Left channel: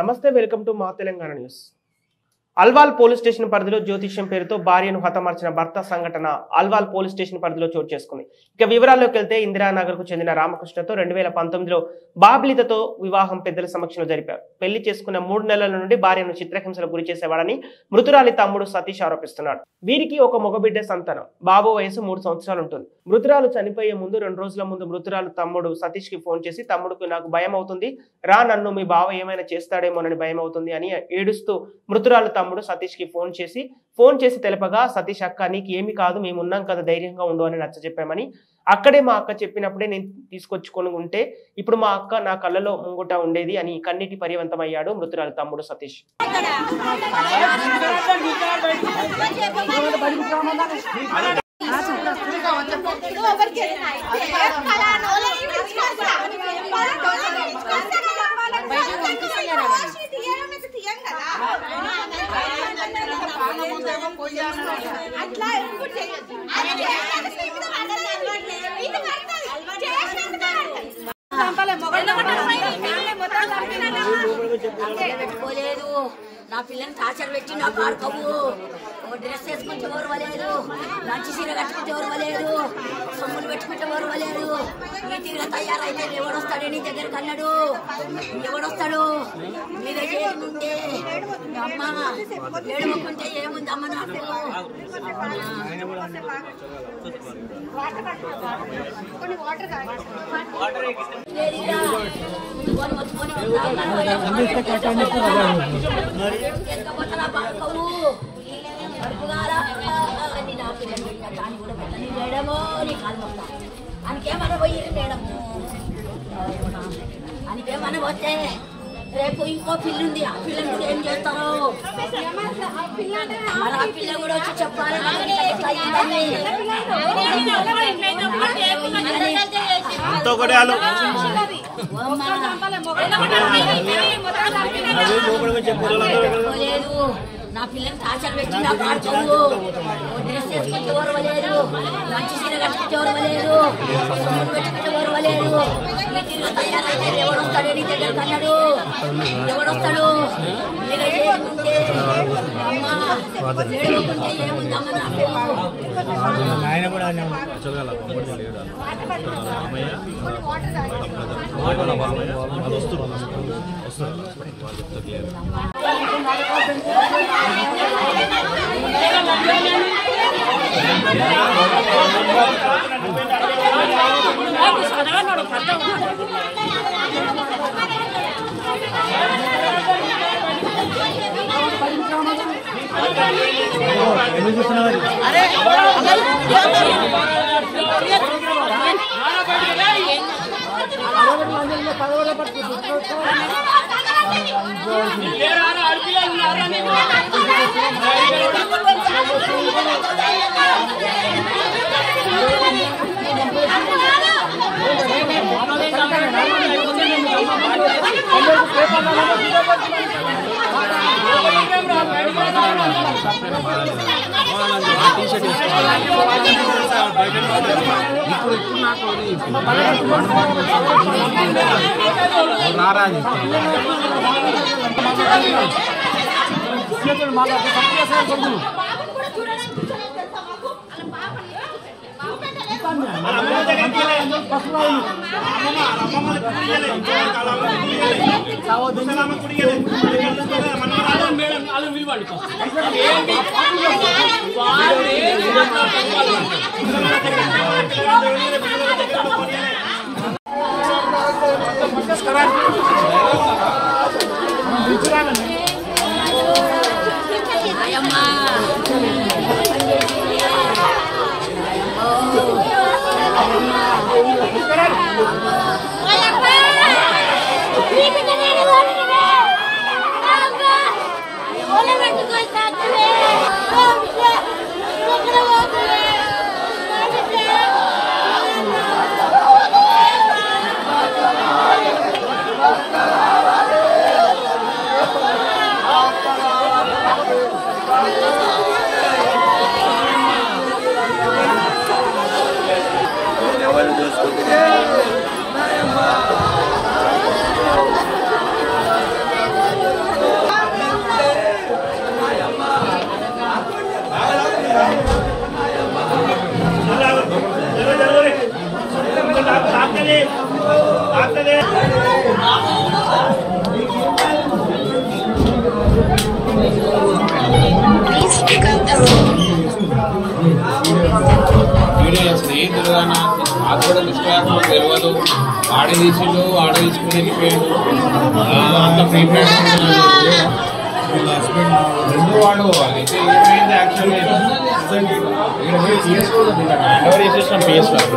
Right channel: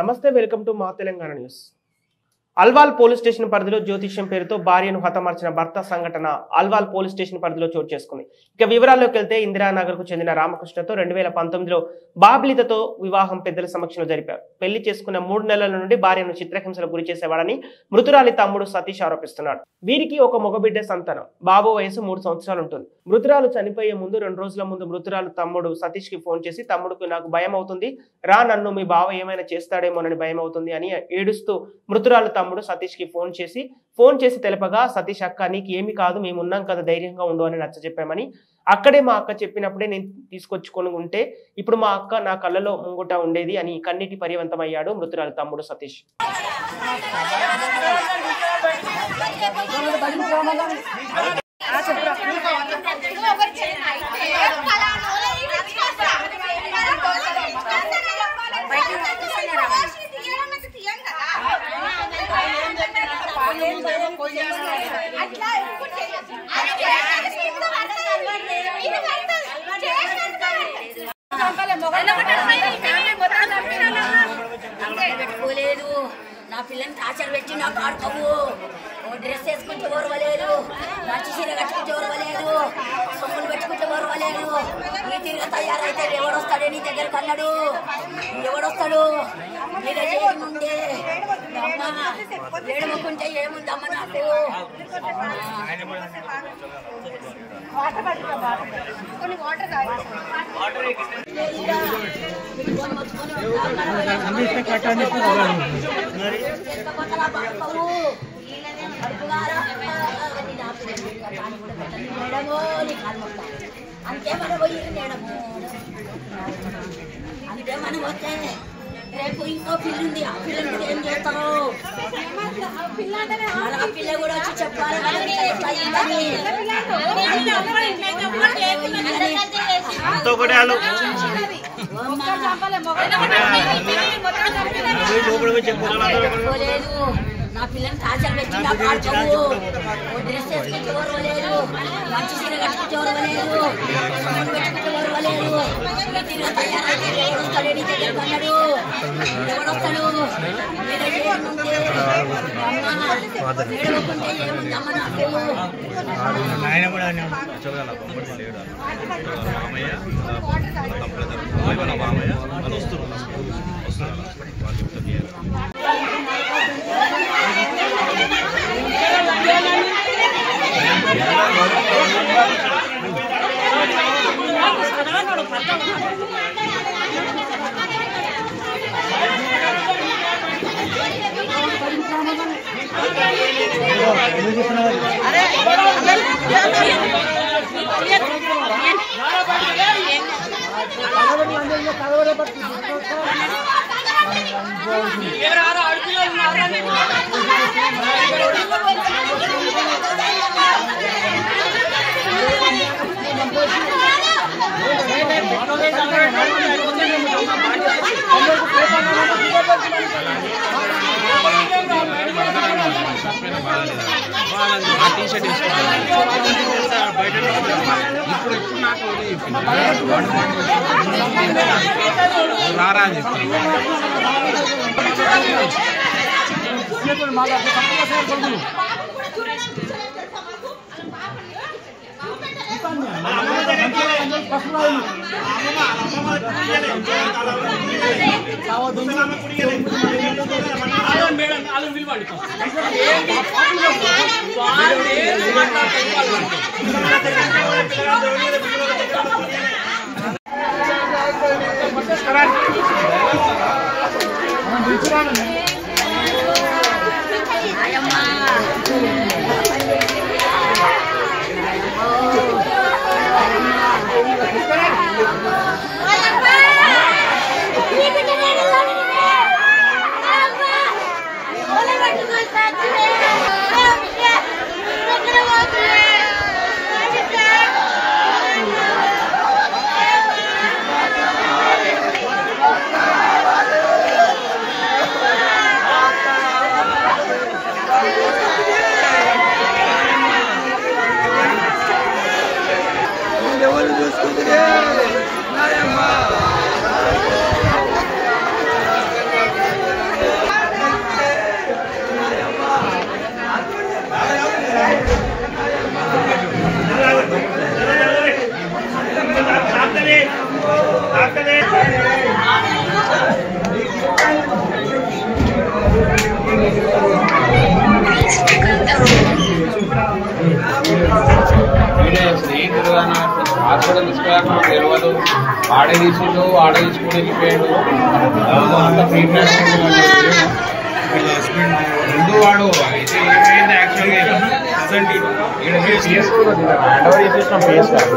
నమస్తే, welcome to మా Telangana news. Alwal police station పరిధిలో జ్యోతిష్యం పేరుతో భార్యను హతమార్చిన భర్త సంఘటన అల్వాల్ పోలీస్ స్టేషన్ పరిధిలో చోటు చేసుకుంది. ఇక వివరాల్లోకి వెళ్తే ఇందిరానగర్ కు చెందిన రామకృష్ణతో 2019లో బాబ్లితతో వివాహం పెద్దల సమక్షంలో జరిపారు. పెళ్లి చేసుకున్న 3 నెలల నుండి భార్యను చిత్రహింసలకు గురి చేసేవాడని మృతురాలి తమ్ముడు సతీష్ ఆరోపిస్తున్నాడు. వీరికి ఒక మగబిడ్డ సంతానం. బాబు వయసు 3 సంవత్సరాలు ఉంటుంది. మృతురాలు చనిపోయే ముందు 2 రోజుల ముందు మృతురాలు తమ్ముడు సతీష్ కి ఫోన్ చేసి, తమ్ముడుకు నాకు భయం అవుతుంది రా, నన్ను మీ బావ ఏమైనా చేస్తాడేమోనని భయం అవుతుంది అని ఏడుస్తూ మృతురాలు తమ్ముడు సతీష్ కి ఫోన్ చేసి తెలపగా, సతీష్ అక్క నీకు ఏమి కాదు, మేము ఉన్నాం కదా, ధైర్యంగా ఉండు అని నచ్చజెప్పామని, అక్కడే మా అక్క చెప్పినప్పుడే నేను తీసుకొచ్చుకొని ఉంటే ఇప్పుడు మా అక్క నా కళ్ళలో ముంగుట ఉండేది అని కన్నీటి పర్యవంతమయ్యాడు మృతురాలు తమ్ముడు సతీష్. పెట్టుకోలేదు, నా పిల్లని టార్చర్ పెట్టి నాకు ఆడుకోవు, డ్రెస్ వేసుకుంటే ఓర్వలేదు, మంచి చీర కట్టుకుంటే ఓర్వలేదు, సొమ్ములు పెట్టుకుంటే ఓర్వలేదు. ఈ తిరిగి తయారైతే ఎవడొస్తాడే నీ దగ్గరకు అన్నాడు, ఎవడొస్తాడు మీద చేయనుంటే అమ్మ ఏడుముకుంటే ఏముందమ్మ నాకు. అనకేమన్నా పోయి మేడము, అనకేమన్నా పోతే రేపు ఇంకో పిల్లి ఉంది, ఆ పిల్లని కూడా ఏం చేస్తారు, ఆ పిల్ల కూడా వచ్చి చెప్పాలి నా పిల్లని టార్చర్ పెట్టి నాకు ఆడుకోవు, డ్రెస్ వేసుకుంటే ఓర్వలేదు, మంచి చీర కట్టుకుంటే ఓర్వలేదు, సొమ్ములు పెట్టుకుంటే ఓర్వలేదు. ఈ తిరిగి తయారైతే ఎవడొస్తాడు నీ దగ్గరకు అన్నాడు, ఎవడొస్తాడు మీద చేయనుంటే అమ్మ ఏడుకుంటే ఏముందమ్మ నాకు. తెలియదు. ఆడ తీసుకుని వెళ్ళిపోయాడు. అంత ప్రీపరేషన్ ముందు వాడు అయితే ఏమైంది యాక్చువల్గా పిఎస్ కూడా హ్యాండ్ ఓవర్ చేసేసిన పిఎస్ కాదు.